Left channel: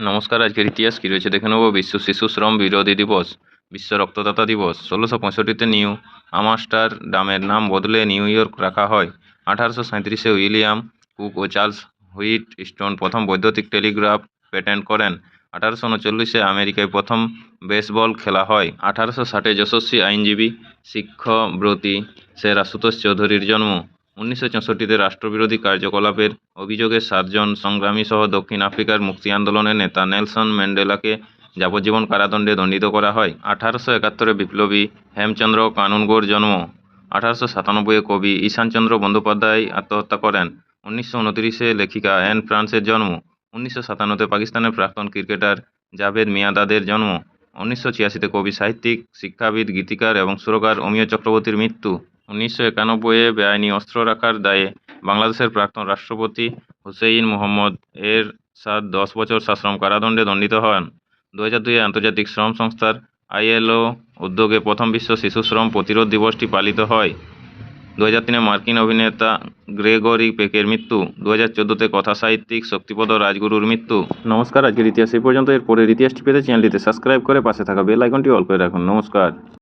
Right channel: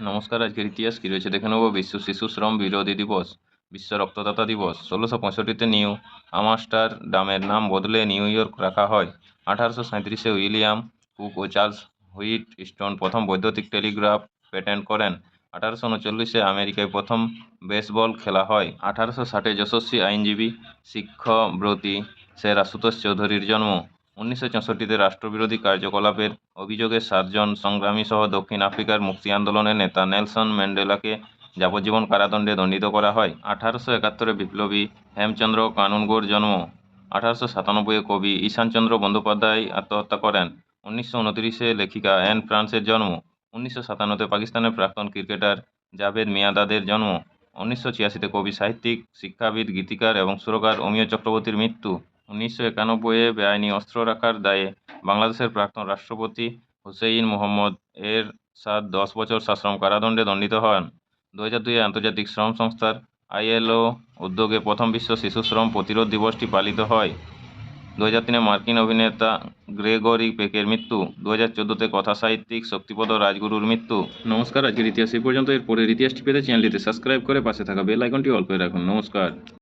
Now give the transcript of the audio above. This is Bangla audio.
নমস্কার। আজকের ইতিহাস কী রয়েছে দেখে নেব। বিশ্ব শিশু শ্রম বিরোধী দিবস, বিশ্ব রক্তদাতা দিবস। 1665-তে নিউ আমস্টারডামের নাম বদলে নিউ ইয়র্ক রাখা হয়। 1837-এ উইলিয়াম কুক ও চার্লস হুইট স্টোন প্রথম বৈদ্যুতিক টেলিগ্রাফ পেটেন্ট করেন। 1839-এ আমেরিকায় প্রথম বেসবল খেলা হয়। 1860-এ যশস্বী আইনজীবী শিক্ষাব্রতী স্যার আশুতোষ চৌধুরীর জন্ম। 1964-তে রাষ্ট্রবিরোধী কার্যকলাপের অভিযোগে 7 জন সংগ্রামী সহ দক্ষিণ আফ্রিকার মুক্তি আন্দোলনের নেতা নেলসন ম্যান্ডেলাকে যাবজ্জীবন কারাদণ্ডে দণ্ডিত করা হয়। 1871-এ বিপ্লবী হেমচন্দ্র কানুনগোর জন্ম। 1897-এ কবি ঈশানচন্দ্র বন্দ্যোপাধ্যায় আত্মহত্যা করেন। 1929-এ লেখিকা অ্যান ফ্রান্সের জন্ম। 1957-তে পাকিস্তানের প্রাক্তন ক্রিকেটার জাভেদ মিয়াঁদাদের জন্ম। 1986-তে কবি, সাহিত্যিক, শিক্ষাবিদ, গীতিকার এবং সুরকার অমিয় চক্রবর্তীর মৃত্যু। 1991-এ বেআইনি অস্ত্র রাখার দায়ে বাংলাদেশের প্রাক্তন রাষ্ট্রপতি হুসেইন মোহাম্মদ এরশাদ 10 বছর সশ্রম কারাদণ্ডে দণ্ডিত হন। 2002-এ আন্তর্জাতিক শ্রম সংস্থার ILO উদ্যোগে প্রথম বিশ্ব শিশু শ্রম প্রতিরোধ দিবসটি পালিত হয়। 2003-এ মার্কিন অভিনেতা গ্রেগরি পেকের মৃত্যু। 2014-তে কথাসাহিত্যিক শক্তিপদ রাজগুরুর মৃত্যু। নমস্কার। আজকের ইতিহাস এই পর্যন্ত। এর পরের ইতিহাসটি পেতে চ্যানেলটিতে সাবস্ক্রাইব করে পাশে থাকা বেল আইকনটি অল করে রাখুন। নমস্কার।